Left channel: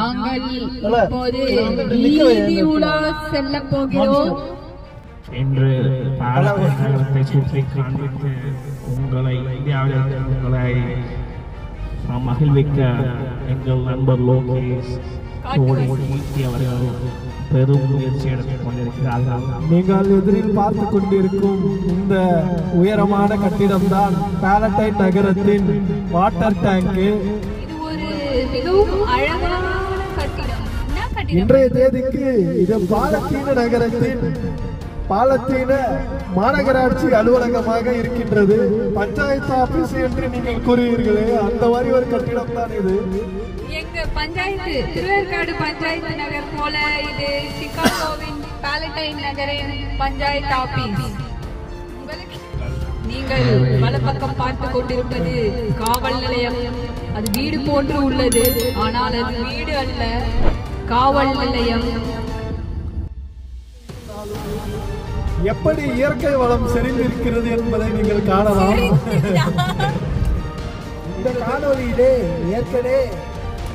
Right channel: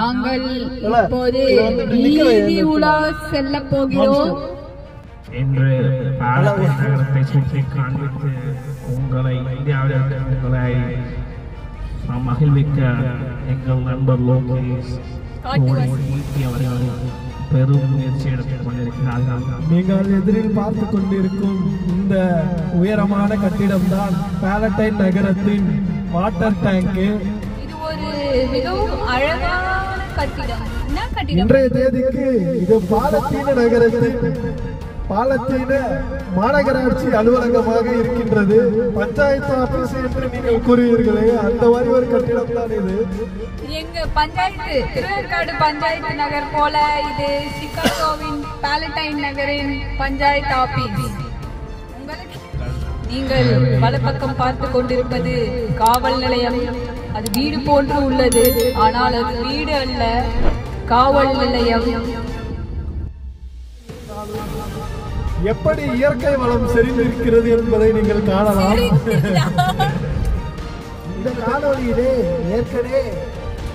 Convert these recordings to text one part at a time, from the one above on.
நாங்கள் இப்போது வீதி உலா செல்ல போகிறோம். இன்று பாலக்காடு நகரத்தை சுற்றி காண்பித்து உங்களை மகிழ்விக்க எங்கள் நண்பர் லோகேஷ் அவர்கள் பெரும் முயற்சி எடுத்துக் கொண்டிருக்கிறார்கள். நீங்கள் எதிரில் பார்த்து கொண்டிருக்கும் இந்த உயரமான கட்டிடம் தான் பாலட்டைன் நகரத்தின் வாட்டர் டேங்க். இது ஒரு மிகவும் அழகான கட்டிடம். இன்றைய தேதிக்கு இது பாலத்தீன நகரத்தின் பாலத்தீன மாநகராட்சி அலுவலகமாக இருக்கின்றது. பஞ்சாயத்து ஆபீஸ் என்று நீங்கள் கூறுவீர்களே, அந்த மாதிரி ஒரு கட்டிடம் தான் இது. எங்க பஞ்சாயத்து திருவேற்காடு பஞ்சாயத்து நகர் போல இது சிகாகோவின் பாலட்டைன் நகரின் பஞ்சாயத்து ஆபீஸ். நீங்கள் வலப்பக்கம் பார்த்து கொண்டிருப்பது காவல் நிலையம். அது வீடு போன்று உள்ளது, ஆனால் அது வீடு அல்ல, காவல் நிலையம். எப்படி இயற்கை வளம் செறிந்திருக்கிறது என்பதை நீங்கள் காணலாம். இந்த காணொலியிலே ஏற்கனவே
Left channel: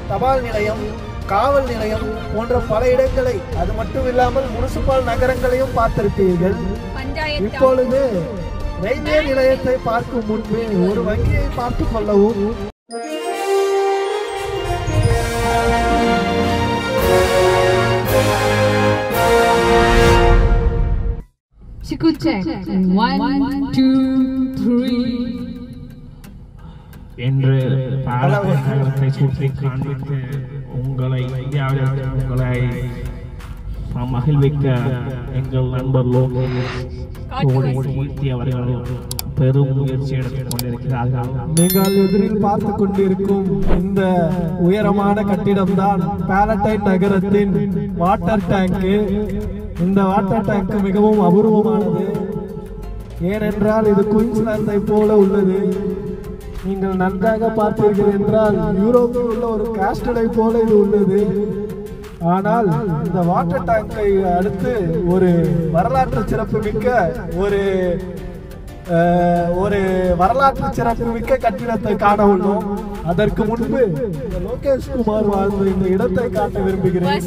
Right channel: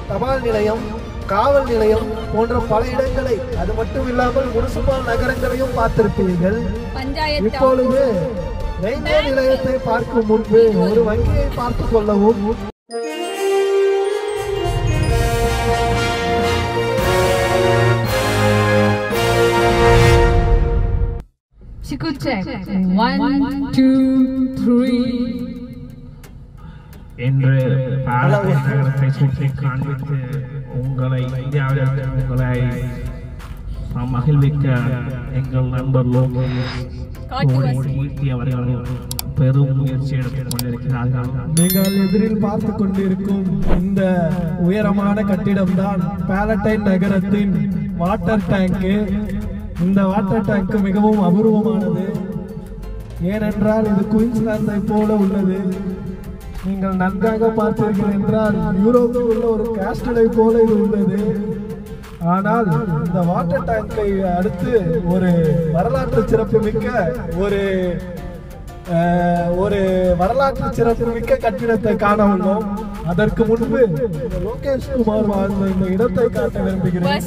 தபால் நிலையம், காவல் நிலையம் போன்ற பல இடங்களை, அது மட்டும் இல்லாமல் முனிசிபல் நகரங்களையும் பார்த்திருப்பீர்கள். இப்பொழுது ரயில்வே நிலையத்தை பார்க்கும் முன்பு ஒரு வங்கியை பார்த்துக் கொள்ளவும். என்று பாலக்காடு நகரத்தை சுற்றி காண்பித்து உங்களை மகிழ்விக்க எங்கள் நண்பர் லோகேஷ் அவர்கள் பெரும் முயற்சி எடுத்துக் கொண்டிருக்கிறார்கள். நீங்கள் எதிரில் பார்த்து கொண்டிருக்கும் இந்த உயரமான கட்டிடம் தான் பாலட்டைன் நகரத்தின் வாட்டர் டேங்க். இந்த வாட்டர் டேங்க் மிகவும் அபூர்வமானது. ஏனென்றால் இது குயின்ஸ்லாந்தை போல உள்ளது. நீங்கள் நன்றாக பார்த்தீர்கள் என்றால் யூரோப்பில் உள்ள ஒரு கேஸ்டலை போல இது உள்ளது. ஆனால் இந்த வாட்டர் டேங்கை அடுத்து ஒரு வரலாற்று சிறப்பு மிக்க ஒரு வரலாற்று சிறப்பு மிக்க கட்டிடத்தை காண உள்ளோம். அதற்கு முன்பு லோகேஷ் குமார் வாழ்ந்த இந்த இடத்தை காட்ட விரும்புகிறேன்.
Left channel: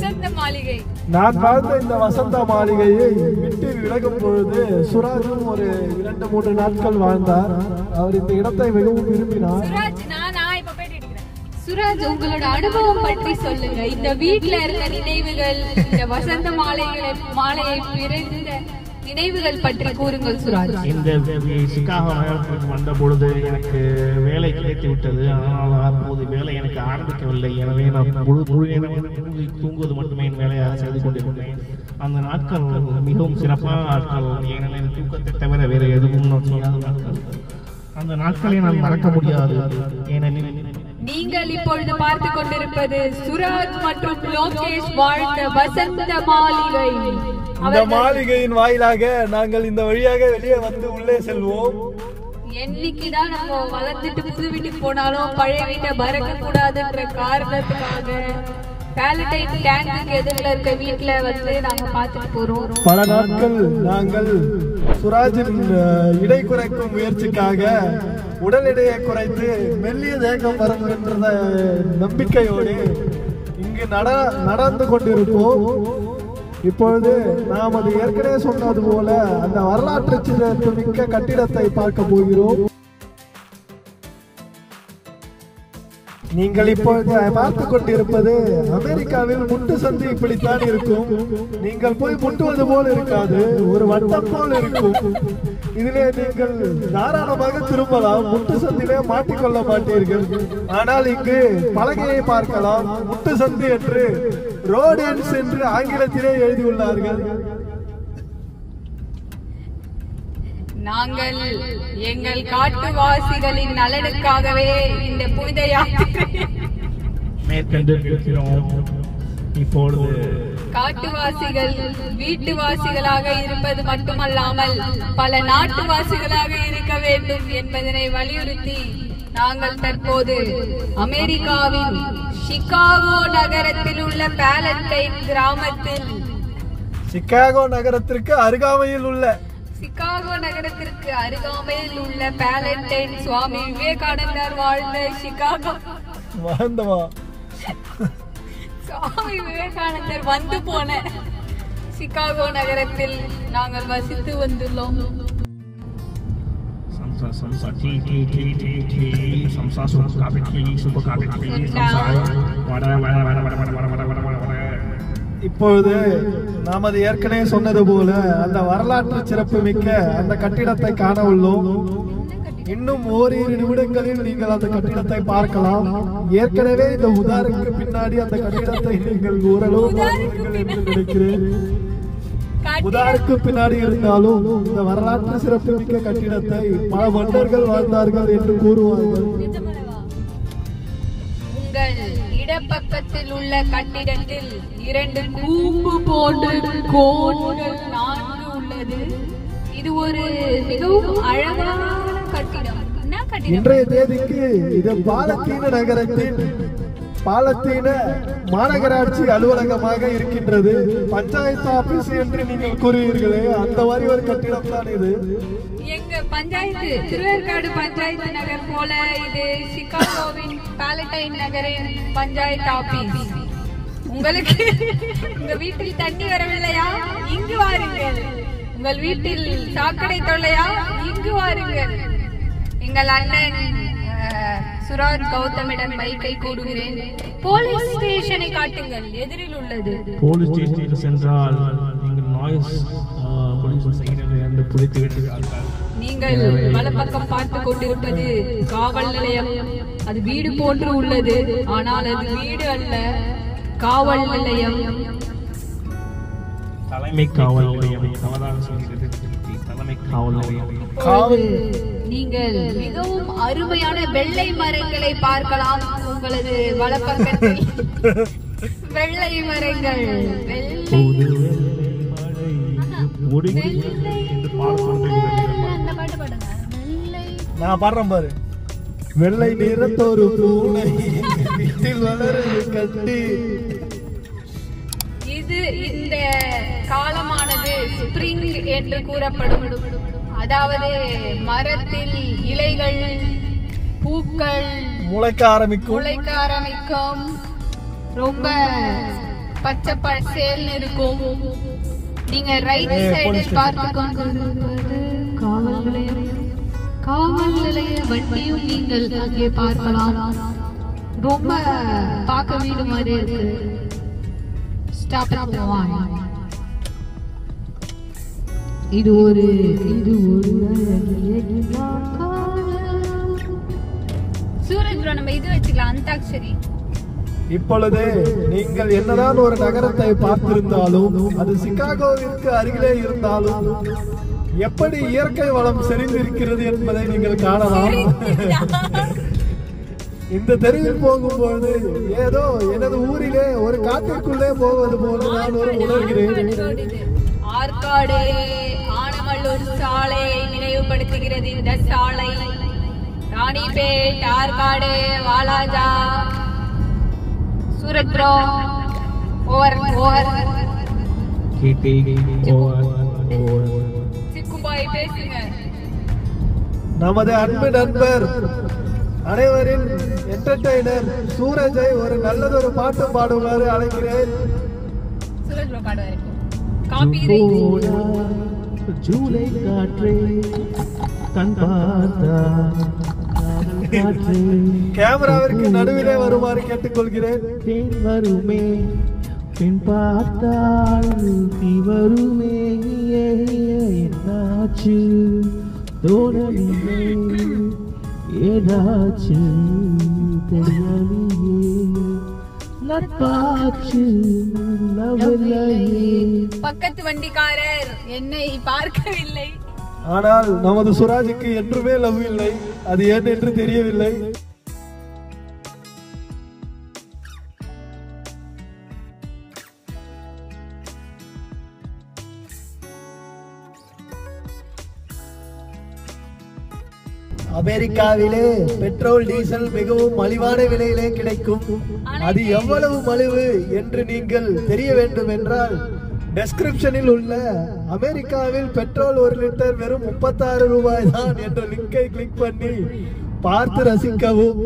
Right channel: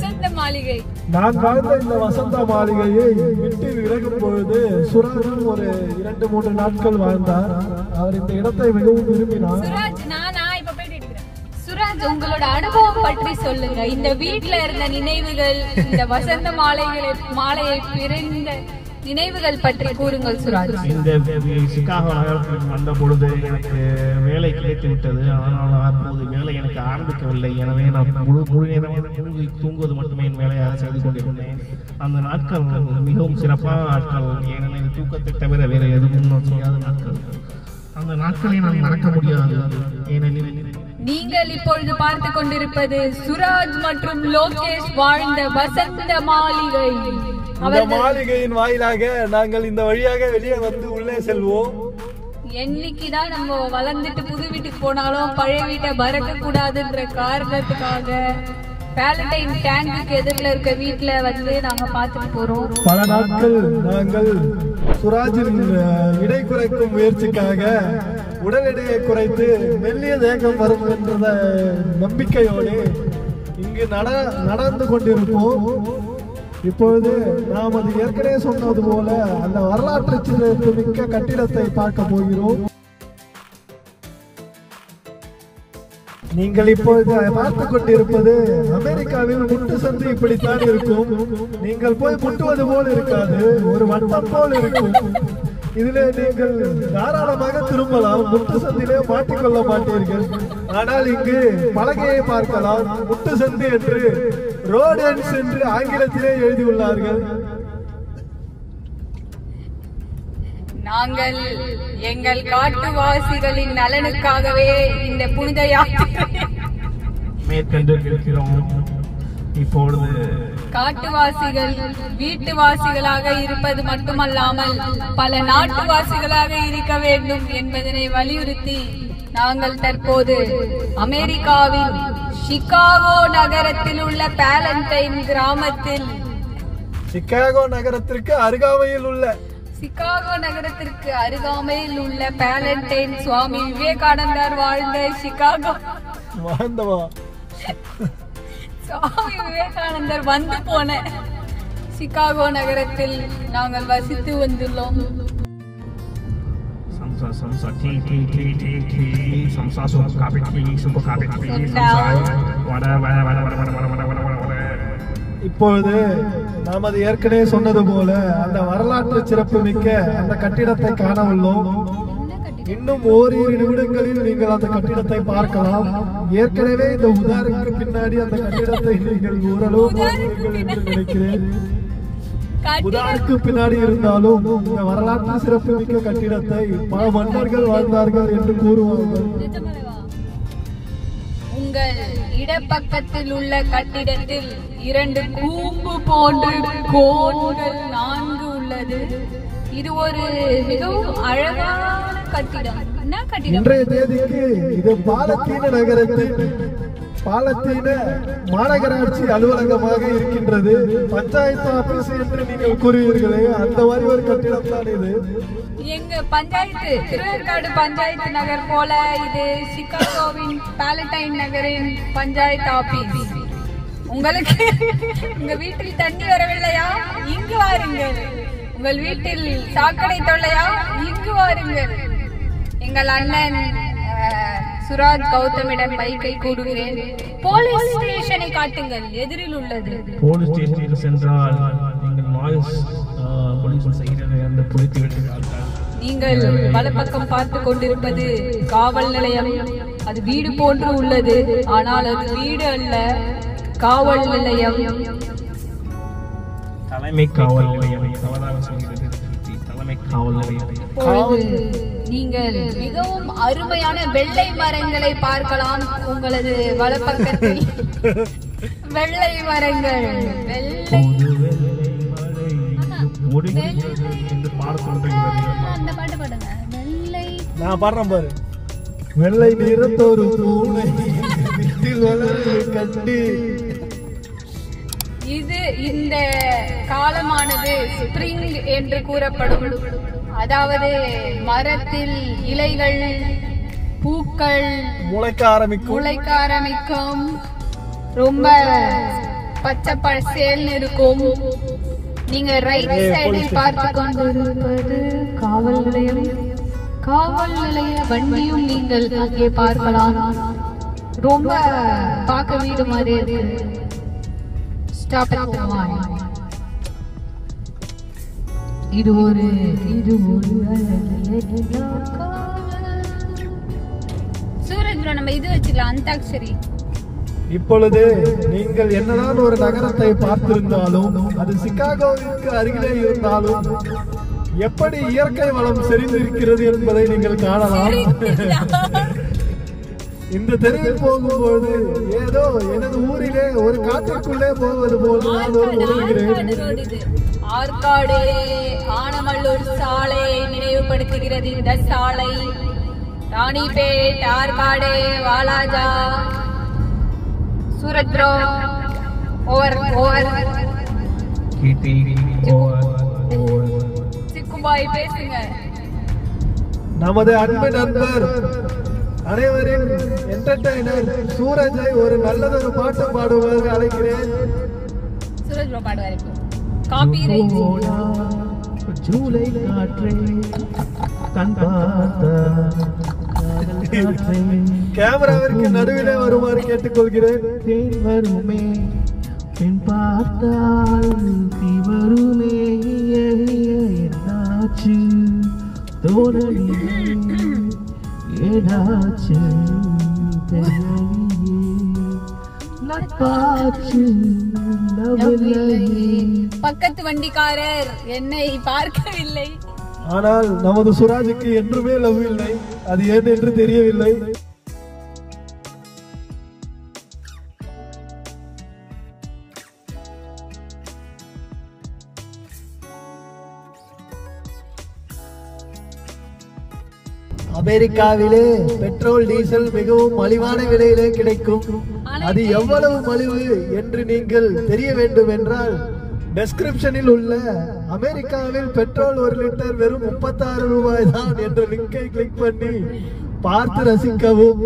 நான் வாழ்ந்த இந்த வசந்த மாளிகையை விட்டு விலகும் பொழுது சுராஜும் ஒரு 2-3 நாட்கள் வாழ்ந்தார். அவர் இந்த இடத்தை மிகவும் விரும்பினார். சுராஜ், உங்களோட அனுபவம் பற்றி சொல்லுங்க. இந்த வீட்டுல இருந்த நினைவுகள், இந்த வசந்த மாலையை பிறந்த நினைவுகள் பற்றி கூறுங்கள் சுராஜ். இந்த சிகாகோ நகரத்திற்கு வந்த பொழுது எனக்கு வேலை கிடைத்து விட்டது. ஆனால் அப்போது வேலை எனக்கு ஆரம்பிக்கவில்லை. எனவே நான் முழு நேரம் தூங்குவது மட்டுமே என் வேலையாக செய்து கொண்டிருந்தேன். அந்த நாட்கள் மிகவும் சிறப்பான நாட்கள். ஏனெனில் தூக்கத்தை தவிர வேறு எதுவும் நான் செய்யாத நாட்கள். அந்த நாட்களை நான் மறக்க முடியாது. ஏனெனில் நீங்கள் இப்பொழுது பார்த்து கொண்டிருப்பது சுராஜ் மற்றும் லோகேஷ் வாழ்ந்த வசந்த மாளிகை. இந்த மாளிகையின் வாயிலாக நாங்கள் இந்த வழியாக வெளியே வந்து உள்ளே செல்வோம். என்னைக்குதான் நம்ம வளர்ந்துட்டு புது வீட்டுக்கு போனாலும் பழைய வீட்டை மறக்க கூடாதுன்ற காரணத்துக்காக பாலட்டைன் டேங்க் எதிரில் இருக்க வீட்டுல வந்து நாங்க பார்த்துட்டு போறோம். பல நாட்கள் நாங்கள் சுராஜின் இடை குறைக்கும் முயற்சிக்காக உடல் எடையை குறைத்து மெல்லிய தேகம் வரும் என்ற நம்பிக்கையோடு இங்கு நடந்து கொண்டிருப்போம். இப்பொழுது நாம் அது ஏற்கனவே சொன்னது போல அந்த வரலாற்று சிறப்பு மிக்க கட்டிடத்தை பார்க்க போகிறோம். நீங்கள் இப்பொழுது பார்த்து கொண்டிருப்பது அமெரிக்காவில் முட்டு சந்து இப்படித்தான் இருக்கும். நீங்கள் போய் முட்டுவது போல் இருக்காது, ஒரு வட்டம் போல் இருக்கும். இதிலே நீங்கள் தாராளமாக திரும்பலாம், முட்டு சந்திலே மாட்டிக்கொள்ள மாட்டீர்கள். ஆனால் இங்கு பலகையை பார்க்கலாம். முட்டு சந்து என்று ரோட் எண்ட்ஸ் என்று ஆங்கிலத்திலே எழுதியுள்ளார்கள். நாங்கள் எங்கள் காட்டுவாசிகளின் நலனுக்காகவே இந்த புனித யாத்திரை மேற்கொண்டிருக்கிறோம். இப்பொழுது காட்டுவாசிகள் வீட்டுவாசிகளாக இருப்பது மட்டுமல்லாமல் பல நாட்டுவாசிகளாக இருக்க வேண்டும் என்பதனை வலியுறுத்தி நாங்கள் தற்போது அமெரிக்காவின் சிகாகோ நகரத்தில் உள்ள பாலட்டைன் கிராமத்தில் சிகாகோ நகரத்திற்கு அருகாமையில் உள்ள பாலட்டைன் சுவாமி விவேகானந்தர் வாழ்ந்த சிகாகோ விவேகானந்தர் வந்து போன சிகாகோ நகரத்தில் நாங்கள் வசித்து வந்துள்ளோம். இப்பொழுது நாம் அது ஏற்கனவே சொன்னது போல அந்த வரலாற்று சிறப்பு மிக்க அந்த கட்டிடத்தை காண உள்ளோம். இன்னும் ஓரிரு நிமிடங்களில் நீங்கள் அந்த கட்டிடத்தை பார்க்கலாம். ஏற்கனவே இந்த உதாரணத்துக்கு பின்னாடி அந்த கட்டிடத்தை நீங்கள் ஓரளவு பார்ப்பீர்கள் என்று நினைக்கிறேன். உதாருக்கு பின்னாடி இருந்தாலும் இந்த வரலாற்று சிறப்பு மிக்க கட்டிடத்தை பல மன்னர்கள் வாழ்ந்தார்கள் என்று கூறுவார்கள். உங்கள் இடப்பக்கத்தில் உள்ள கட்டிடத்தில் 2 கூம்பு போன்ற கோடுகள் 4 உள்ளது. இது ஒரு மிகவும் அழகான கட்டிடம். என்ன கட்டிடம்? இன்றைய தேதிக்கு இது பாலத்தீன நகரத்தின் பாலத்தீன மாநகராட்சி அலுவலகமாக இருக்கின்றது. பஞ்சாயத்து ஆபீஸ் என்று நீங்கள் கூறுவீர்களே, அந்த மாதிரி ஒரு கட்டிடம் தான் இது. எங்க பஞ்சாயத்து திருவேற்காடு பஞ்சாயத்து நகர் போல இது சிகாகோவின் பாலடைன் நகரின் பஞ்சாயத்து ஆபீஸ். உங்களுக்கு உங்க வீட்டில் தண்ணி வரவில்லையா? இங்கு வாருங்கள். உங்கள் வீட்டில் சாக்கடை தொல்லையா? இங்கு வாருங்கள். எங்கள் அண்ணன் சுராஜ் கௌதமிடம் மைக்கை கூடுகிறேன். போலீஸ் ஸ்டேஷனை காட்டுங்கள், எதிரில் உள்ளது. போலீஸ் ஸ்டேஷனுக்கு சென்றால் நீங்கள் நாய்ஸ் போலீஸ் செய்கிறது அந்த புலித்து விடுகிறார்கள். நீங்கள் வலப்பக்கம் பார்த்து கொண்டிருப்பது காவல் நிலையம். அது வீடு போன்று உள்ளது, ஆனால் அது வீடு அல்ல, காவல் நிலையம். தலைமை காவல் நிலையம். தவறாக சொல்கிறது. தலைமை காவல் நிலையம். நீங்கள் மிகவும் அருமையான வெள்ளை மரங்களை பார்க்கலாம். உங்களது வலப்பக்கத்தில் வெள்ளை மரங்கள். நான் பாடுறேன் பாரு. வெள்ளை நிறத்தொரு பூனை கட்டி. இது இந்த காலமானது ஸ்பிரிங் என்று கூறப்படும். அதாவது மரத்தில் இலைகள் பூக்கள் முளைக்க ஆரம்பிக்கும். ரொம்ப பச்சை பசேல்னு இருக்கும். நீங்க ரைட் சைடில் பார்த்து கொண்டிருப்பது காவல் நிலையம். காவல் நிலைய வண்டியும் நீங்கள் அங்கே பார்க்கலாம். ரொம்ப பார்க்க வீடு மாதிரி இருக்கு. ஸ்டாப் அண்ட் இது ஒரு சூரஜ் நம்ம இது வச்சுக்கலாம், அந்தாக்ஷரி. இப்பொழுது நீங்கள் என்னதான் ஒரு நகரத்தை பார்த்திருந்தாலும், அது சிகாகோவிற்கு அருகிலே இருந்தாலும் எப்படி இயற்கை வளம் செறிந்திருக்கிறது என்பதை நீங்கள் காணலாம். இந்த தெருவில் போகும்போது ஏதோ எனது ஊரிலே ஒரு காட்டிற்குள்ளே போவது போல நான் உணர்கிறேன். ஆற்காடு ஆனமல்லூர் சாலையை நினைவுபடுத்துகிறது இந்த சாலை. ராணிப்பேட், ஆற்காடு, வாலாஜா, சூரத்ரோ, சிக்குபாய் பேசுங்க. நமது அன்பு நண்பர் அனைவரின் என்டர்டெய்னர் சூரஜை ஒரு நல்லதொரு பாட்டு பாடுவார் அழைக்கிறேன். சூரஜ் பாடுவார். ஜூலை காற்றே கண் காற்றே கேமராவிற்கு நடுவிலே வருமாறு கேட்டுக்கொள்கிறேன். வருமே பின் பார்த்தால் வருமே என்னாச்சு தோழலிலே ஏதாச்சு தெரியலையே நட்பாச்சு. பக்கத்து வண்டிக்காரர் என்னை பார்க்கவில்லை. ஆனால் நமது சுராஜுக்கு என்றுமே லவ் இல்லை. அது ஏன் என்று தெரியவில்லை. அமெரிக்காவிலே பெட்ரோல் டீசல் மிகவும் மலிவான விலையிலே கிடைக்கும். அது எவ்வளவு மலிவு என்று நீங்கள் தெரிய வேண்டும் என்றால் டெஸ்கிரிப்ஷனில் உள்ள அமெரிக்காவில் பெட்ரோல் 1 லிட்டர் வெறும் 36 ரூபாய் தான் என்ற லிங்கை கிளிக் பண்ணி பார்த்து ரசிக்கவும்.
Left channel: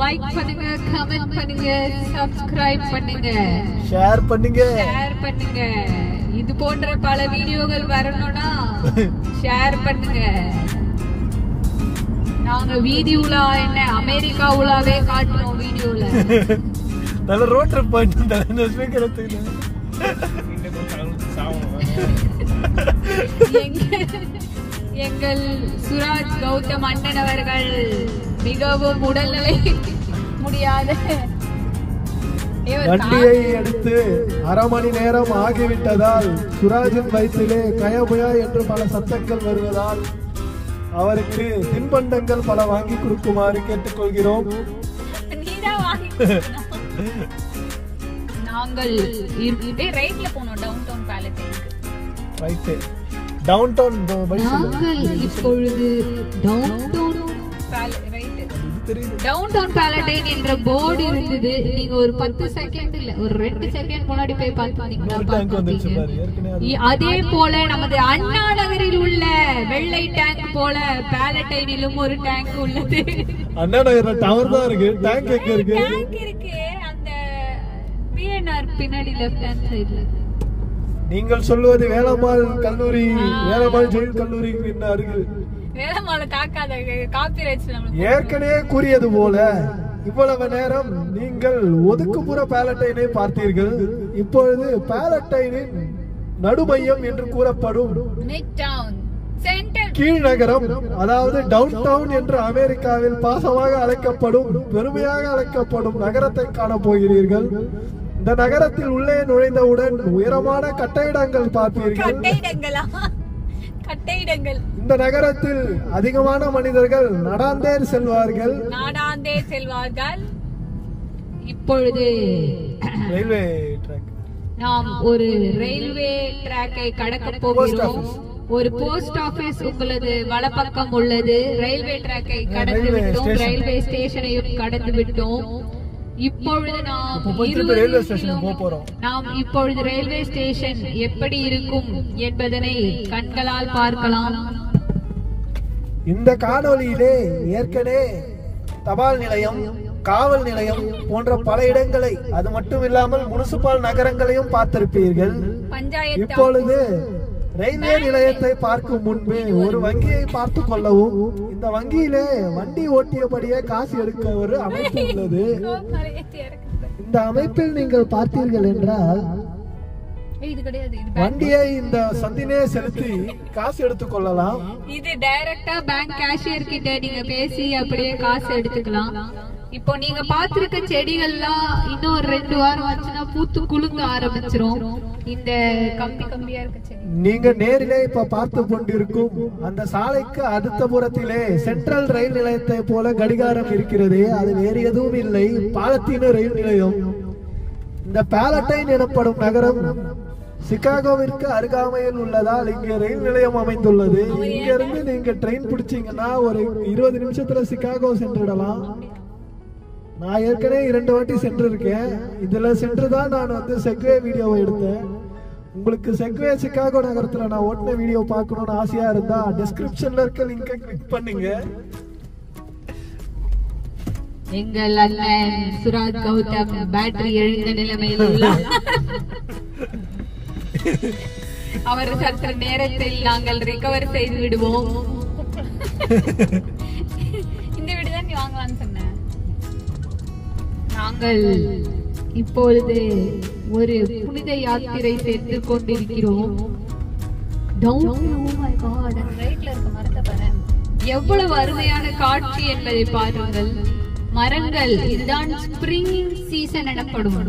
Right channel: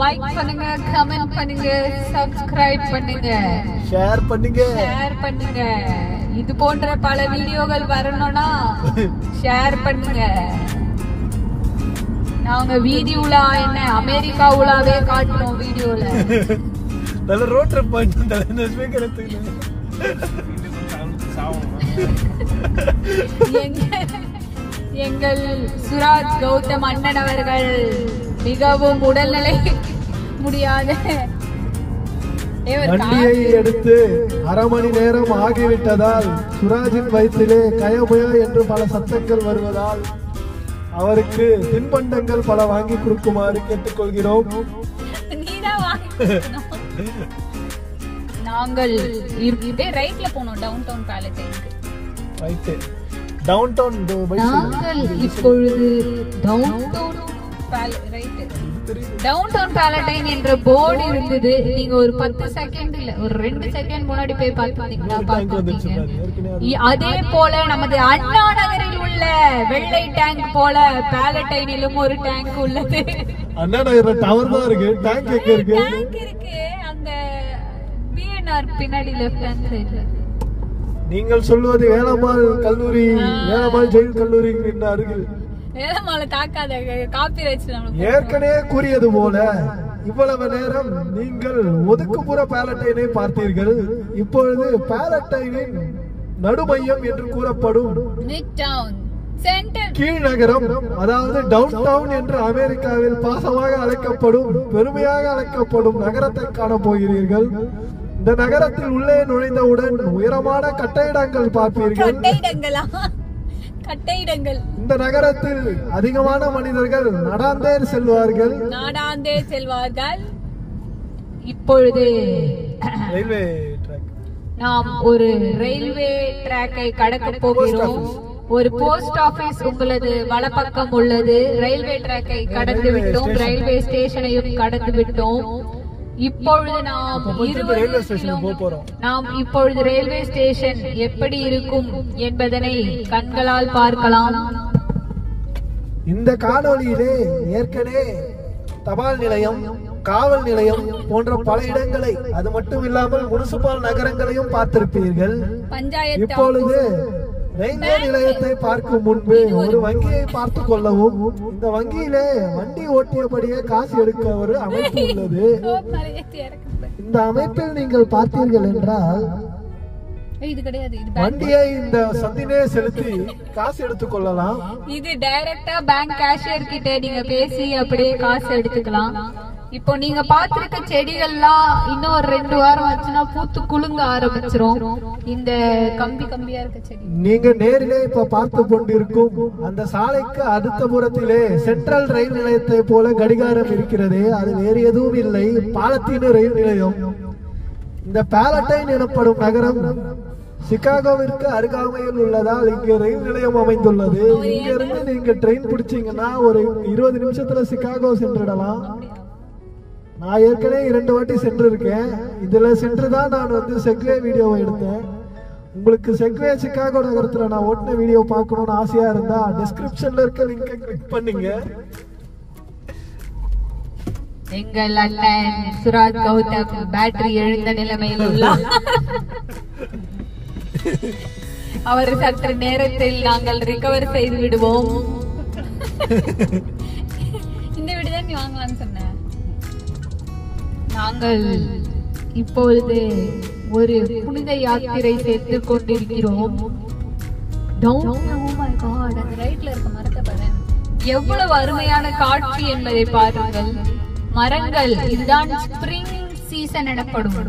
லைக் பண்ணுங்க, கமெண்ட் பண்ணுங்க, சப்ஸ்கிரைப் பண்ணுங்க, ஷேர் பண்ணுங்க. இது போன்ற பல வீடியோக்கள் வரணும்னா ஷேர் பண்ணுங்க. நாங்க வீதி உலா என்ன அமெரிக்கா உலாவே காட்டுறோம் வீடியோல. நல்ல ரோட் ட்ரிப் பண்ணிட்டு இந்த ஸ்பீக்கர் எடுத்து எங்கள் சுராஜ் கௌதம் அண்ணன் அவர்கள் மிகவும் உடல்நிலை முடியாத வண்டியை எடுத்து அரை மணி நேரம் ஆகிவிட்டதால் சுராஜின் வயிற்றிலே கயபுயா என்று பல சத்தங்கள் வருவதால் அவருக்கு தின்பண்டங்கள் பல வாங்கி கொடுக்குமாறு கேட்டுக்கொள்கிறோம். நாங்கள் ரைட்ல போனோம் டவுன் டவுன் பேலட்டைனுக்கு. ரைட் டவுன் டவுன் நாங்கள் இப்பொழுது டவுன் டவுன் பேலட்டைன் என்ற போர்டு இருந்தது. நீங்க ஒரு 10 செகண்ட் இல்ல ஒரு 2 செகண்ட் முன்னாடி போய் பார்த்தீங்கன்னா அதே போல நமது அண்ணா நகரில் உள்ள வெள்ளை டேங்க் போல பேலட்டைனிலும் ஒரு டேங்க் உள்ளது. அண்ணா நகர்ல டவர் தான் இருக்கு. டேங்க் எங்க இருக்கு? டேங்க் இருக்கு அந்த பிஎன்ஆர் பின்னாடி லெஃப்ட் ஹேண்ட் சைடுல. நீங்கள் சொல்வது வேலம்மாள் கல்லூரி, வேலம்மாள் ஜெயின் கல்லூரி அருகில். வேலம்மாளை தாக்காத, காப்பிரைட்ஸ். ஏற்கனவே கூறியது போல இவ்வளவு நேரம் நீங்கள் ஒதுக்குப்புற பேலட்டைனை பார்த்தீர்கள். இப்பொழுது பேலட்டைனின் நடுமையம் என்று கூறப்படும் கீழ்நகரம், அதாவது டவுன் டவுன் என்று அமெரிக்காவில் பாசமாக அழைக்கப்படும், பெருமையாக அழைக்கப்படும் நகரத்தை காண போகிறீர்கள். இந்த நகரத்தில் உள்ளே நுழைந்தவுடன் உயரமான கட்டிடங்கள் பார்ப்பீர்கள். இந்த நகரத்தில் அதிகமான மனிதர்கள் நடாந்தே செல்வார்கள். இப்பொழுது ரயில்வே ட்ராக், நாம் ஒரு ரயில்வே ட்ராக்கை கடக்க போகிறோம். ஒரு போஸ்ட் ஆபீஸ் உங்களது வலப்பக்கம் உள்ளது. ரயில்வே ட்ராக்கை கடந்து விட்டோம், ரயில்வே ஸ்டேஷனையும் கடந்து விட்டோம். இப்பொழுது நாம் இப்பொழுது ரயில்வே ஸ்டேஷன் எப்படி இருக்கும் என்பதனை கண்களால் பார்க்கலாம். இந்த காணொளியிலே ஏற்கனவே தபால் நிலையம், காவல் நிலையம் போன்ற பல இடங்களை, அது மட்டும் இல்லாமல் முனிசிபல் நகரங்களையும் பார்த்திருப்பீர்கள். இப்பொழுது ரயில்வே நிலையத்தை பார்க்கும் முன்பு ஒரு வங்கியை பார்த்து கொள்ளவும். இந்த வங்கியிலே வண்டி ஓட்டியபடியே காசு எடுக்க ஒரு அமைப்பு உள்ளது. இந்த அமைப்பில் நீங்கள் பார்த்தீர்கள் என்றால் வண்டியை இந்த சந்திலே செலுத்தி காசு எடுத்துக் கொள்ளலாம். இது டைரக்டா பேங்க் கேஷியர் கிட்ட நீங்க பேசி அப்படியே காசு எடுத்துக்கலாம். இப்போ நீங்க பாத்திருக்க செடிகள்லாம் இன்னும் ஒரு 2 வாரம் ஆச்சுன்னா பூத்து குலுங்க ஆரம்பிச்சிரும். இந்த கம்பியா இருக்க செடி நீங்க நேரிலே இப்ப பார்த்து கொண்டிருக்கும் அந்த சாலைக்கு அடுத்த புறத்திலே சென்ட்ரல் ரயில் நிலையத்தை போல கடிகாரம் இருக்கிறது. அது வேறு எதுவும் இல்லை, பாலத்தீன ரயில் நிலையம். இந்த பேலட்டைன் எனப்படும் நகரம் சிகாகோவிற்கு அருகாமையில் உள்ளதால் இங்கே ரயில் நிலையம் அமைந்துள்ளது. இங்க இருந்து நீங்க ட்ரெயின் பிடிச்சீங்கன்னா ஒரு 20 நிமிஷத்துல சிகாகோ சென்றிடலாம். நான் ஏற்கனவே 2 வாட்டி சென்றிருக்கேன். இதுல சென்றுதான் நான் செக்வே வீடியோவை எடுத்தேன். உங்களுக்கு செக்வே சிகாகோ நகரத்துல நான் ஓட்டின வீடியோ பார்க்கணும்னு ஆசையா இருந்தா டிஸ்கிரிப்ஷன்ல இருக்க லிங்கை கிளிக் பண்ணுங்க. எங்கள் அண்ணன் சுராஜ் கௌதம் பேட்டரி எழுந்த நிலைமையில் உள்ளார். அவர் சற்று நேரத்தில் நாங்கள் ரிகவர் செய்து விடுவோம். இந்த வீடு தான் நீ வாங்குவான்னு சொன்ன. நாங்கள் இப்பொழுது ஒரு புனித யாத்திரை சேர்த்து கொண்டிருக்கிறோம். எவ்வளவு அருமையான காட்சி என்பதை பாருங்கள். மரங்கள், இதுதான் ஸ்பிரிங் சீசன் எனப்படும்.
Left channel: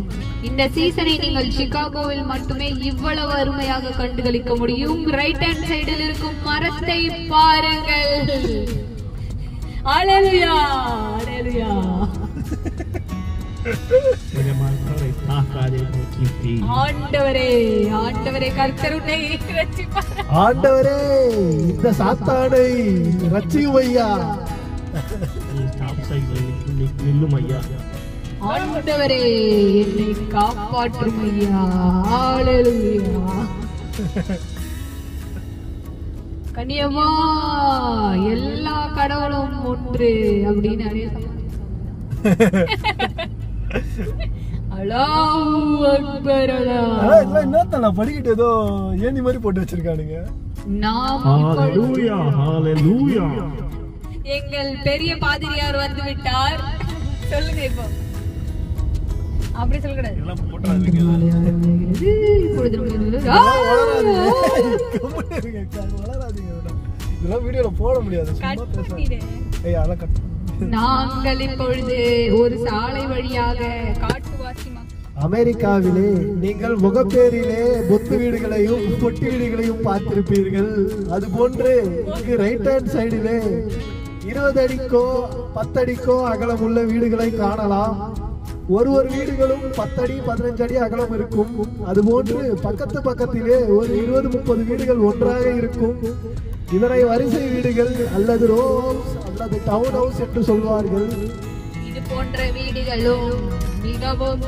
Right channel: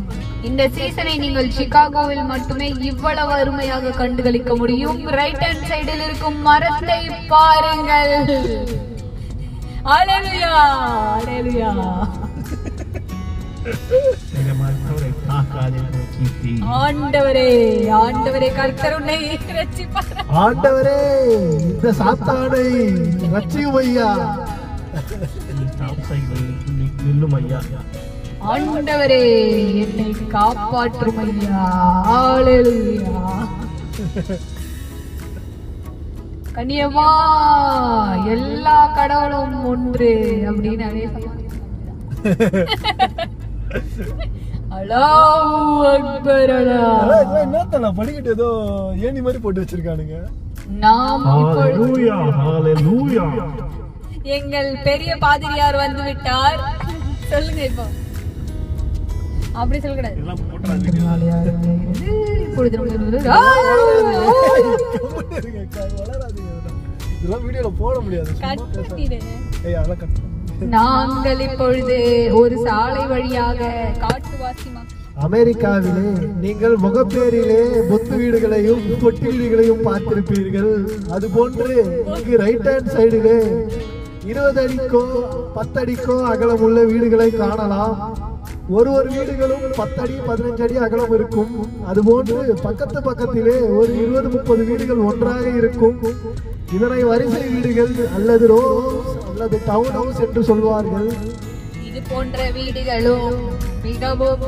இந்த சீசனை நீங்கள் சிகாகோவில் மட்டுமே இவ்வளவு அருமையாக கண்டுகளிக்க முடியும். ரைட் ஹேண்ட் சைடில் இருக்கும் மரத்தை பாருங்கள். அல்லேலூயா, அல்லேலூயா. ஆண்டவரே, ஆண்டவரே, கர்த்தர் உன்னை ரட்சிப்பார். ஆண்டவரே, இந்த சாத்தானை ரட்சியும் ஐயா. ஆண்டவரே, என்னை காப்பாற்றும் ஐயா. அல்லேலூயா. கண்ணியமா எல்லா கடவுளும் ஒன்று அப்படின்னு அல்லாஹ் அக்பர் என்னத்தா படிக்கிட்டு ஏதோ ஏணி மாதிரி போட்டு வச்சிருக்கானுங்க. ஹalleluya ஹalleluya. எங்கள் பெரிய பாதிரியார் வந்து விட்டார். சொல்லுங்க இப்போ. அப்படி சொல்லக்கூடாது. இதெல்லாம் வீடியோல போட முடியாது. நாங்கள் இப்பொழுது ஒரு சாலை வழியாக காட்டுவாசி அமெரிக்காவிலே நீங்கள் முகப்பேரிலே பொத்து வீடுகளையும் பொட்டி வீடுகளையும் பார்த்திருப்பீர்கள். அது போன்று இங்கு ரைட் ஹேண்ட் சைடிலே 20 அடிக்கோ 10 அடிக்கோ அகலமுள்ள வீடுகளை காணலாம். ஒரு வீடுகளும் 10 அடி 15 அடி அகலம் இருக்கும். அதுபோன்று பக்கத்திலே ஒரு 20-30 வீடுகள் ஒன்றாக இருக்கும். இதனை வரிசை வீடுகள் அல்லது ரோஸ் அல்லது டவுன் ஹவுஸ் என்று சொல்வார்கள். இது போன்ற வீடுகளும் மிகவும்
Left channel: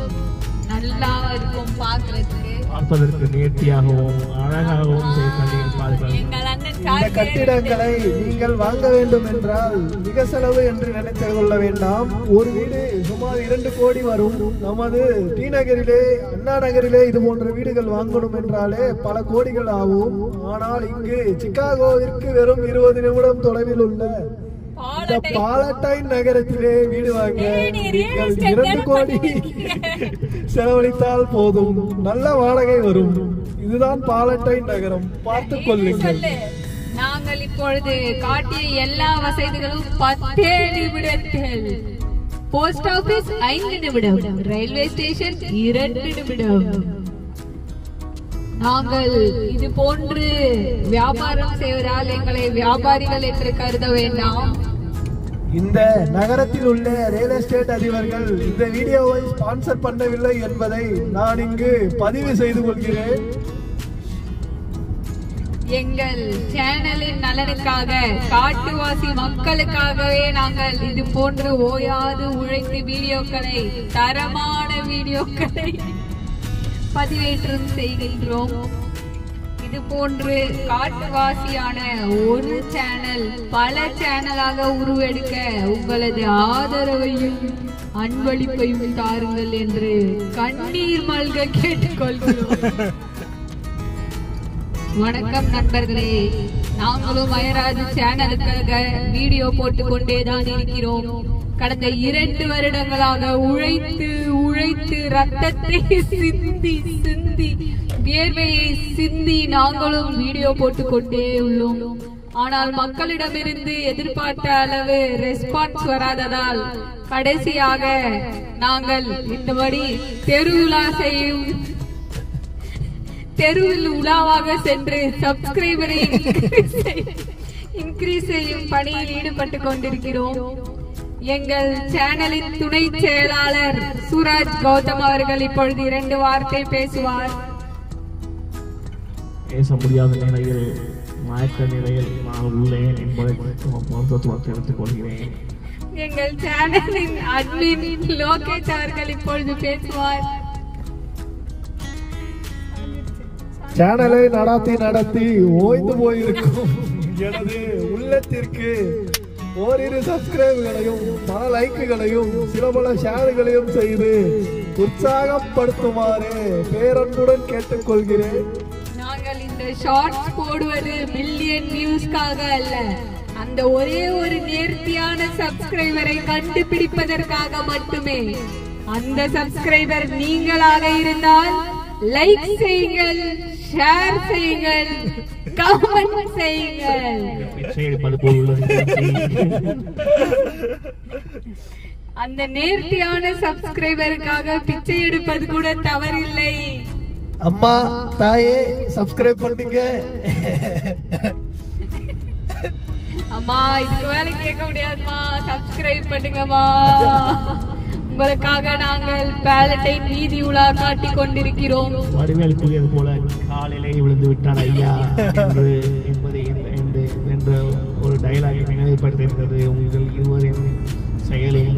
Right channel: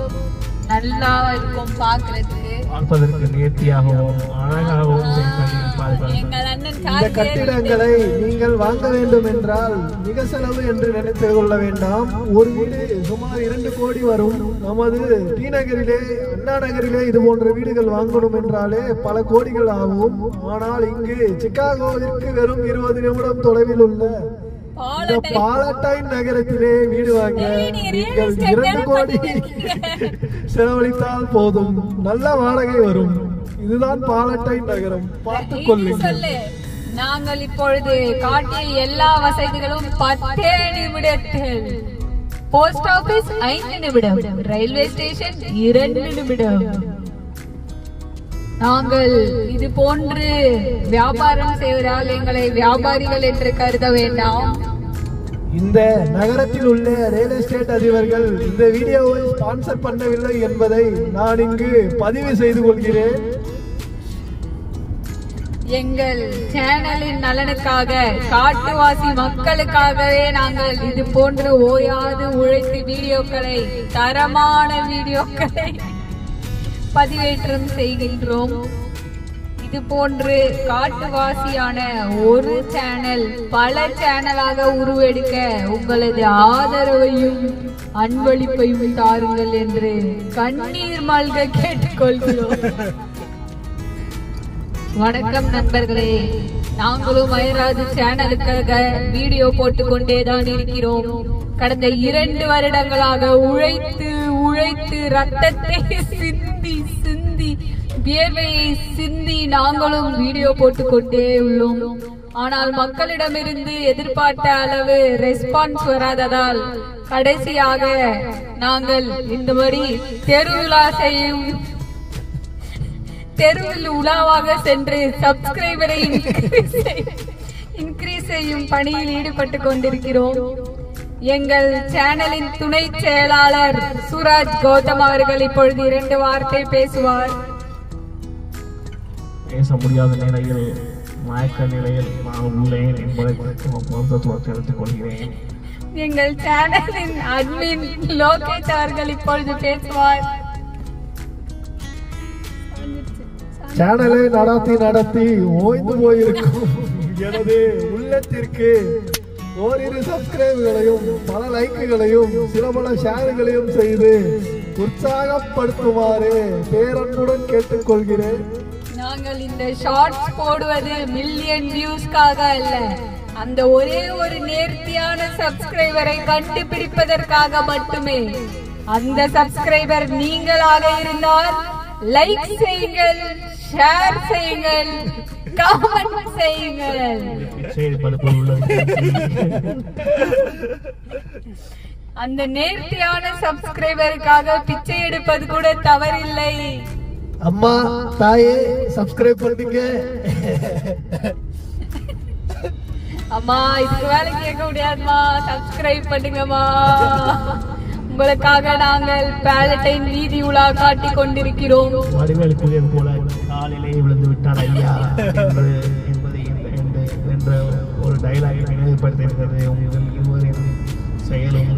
நல்லா இருக்கும், பார்ப்பதற்கு நேர்த்தியாகவும் அழகாகவும் கட்டியிருப்பார்கள். இந்த கட்டிடங்களை நீங்கள் வாங்க வேண்டும் என்றால் மிக செலவு என்று நினைத்து கொள்ள வேண்டாம். ஒரு வீடு சுமார் 2 கோடி வரும். நமது டி நகரிலே அண்ணா நகரிலே இது போன்ற வீடுகள் வாங்கணும் என்றாலே பல கோடிகள் ஆகும். ஆனால் இங்கு சிகாகோவிற்கு வெறும் 20 நிமிடம் தொலைவில் உள்ள இந்த பாலட்டைன் நகரத்திலே வீடு வாங்க நீங்கள் 2 கோடி செலவழித்தால் போதும், நல்ல வாடகை வரும். இதுதான் பாலட்டைன் நகரம், பார்த்துக் கொள்ளுங்கள். நாங்கள் இப்பொழுது காட்டிய எல்லா வசதிகளும் 10 நிமிடத்தில். போஸ்ட் ஆபீஸ் 5 நிமிடம், ரயில்வே ஸ்டேஷன் 2 நிமிடம். நாங்கள் இது போன்று வியாபாரம் செய்வதால் எங்களை வியாபாரிகள் என்று கருத வேண்டாம். இந்த நகரத்தில் உள்ள ரியல் எஸ்டேட் அதிபர்கள் இந்த வீடியோவை ஸ்பான்சர் பண்ணவில்லை என்பதை நான் இங்கு பதிவு செய்து கொள்கிறேன். எங்கள் சேனலின் நலனுக்காக, காட்டுவாசி மக்களுக்காகவே நாங்கள் இது போன்று ஓயாது உழைத்து வீடியோக்களை, தரமான வீடியோக்களை பதிவேற்றம் செய்கின்றோம். இது போன்று காட்டுவாசியான ஒரு சேனல் பல சேனலாக உருவெடுக்க உங்களது ஆதரவையும் அன்பளிப்பையும் தாருங்கள் என்று கண்ணீர் மல்க கேட்டுக்கொள்கிறோம். வணக்கம் நண்பர்களே, நாங்களும் மயராஜ் சேனலுக்காக வீடியோ போட்டுக் கொண்டேதான் இருக்கிறோம். கடந்த 2 வருடங்களாக உழைத்து ரத்தத்தை சிந்தி வியர்வையை சிந்தி நாங்களும் வீடியோ போட்டுக் கொண்டே உள்ளோம். ஆனால் மக்களிடமிருந்து எதிர்பார்த்த அளவு ரெஸ்பான்ஸ் வராததால் கடைசியாக நாங்கள் இந்தபடி தெருவில் உலாவாக சென்று சப்ஸ்கிரைபரை இன்கிரீஸ் செய்யும் பணியில் ஈடுபட்டுக் கொண்டிருக்கிறோம். எங்கள் சேனலின் துணை செயலாளர் சூராஜ் கௌதம் அவர்கள் இப்பொழுது 2 வார்த்தை பேசுவார். பேச முடியாத நிலையில், மயக்க நிலையில் நான் உள்ளேன் என்பதை தெரிவித்துக் கொள்கிறேன். எங்கள் சேனலின் அட்மின் லோகேஷ் அவர்கள் இப்பொழுது பேசுவார். சேனலை நடத்தி ஓய்ந்து போயிருக்கும் எனது உள்ளத்திற்கு ஓரிரு சப்ஸ்கிரைபுகளையும் பல லைக்குகளையும் சில பல ஷேர்களையும் செய்து உற்சாகப்படுத்துமாறு பேரன்புடன் கேட்டுக்கொள்கிறேன். நாங்கள் இந்த ஷார்ட்ஸ் போடுவது மில்லியன் வியூஸ்க்காக அல்ல, அந்த ஒரே ஒரு நேர்த்தியான சப்ஸ்கிரைபரை கண்டுபிடிப்பதற்காக மட்டுமே. அந்த சப்ஸ்கிரைபர் நீங்களாக இருந்தால் லைக் செய்யுங்கள், ஷேர் செய்யுங்கள், கமெண்ட் செய்யுங்கள். அந்த நேர்த்தியான சப்ஸ்கிரைபருக்காக பிச்சை எடுப்பது கூட தவறில்லை. அம்மா தாயே சப்ஸ்கிரைப் பண்ணுங்க. அம்மா இதுக்கு வேலை கேட்க முடியாதுமா, சப்ஸ்கிரைப் பண்ணுங்கம்மா. உங்களுக்காக நாங்கள் பேலட்டைன் வீதி உலா காட்டிக் கொண்டிருக்கிறோம். வடிவேல் புயல் போல காலிலே விழுந்து விட்டான் ஐயா என்ற ஒரு டைலாகை நினைவுபடுத்துகிறது. உங்கள் இருவரின் செயலும்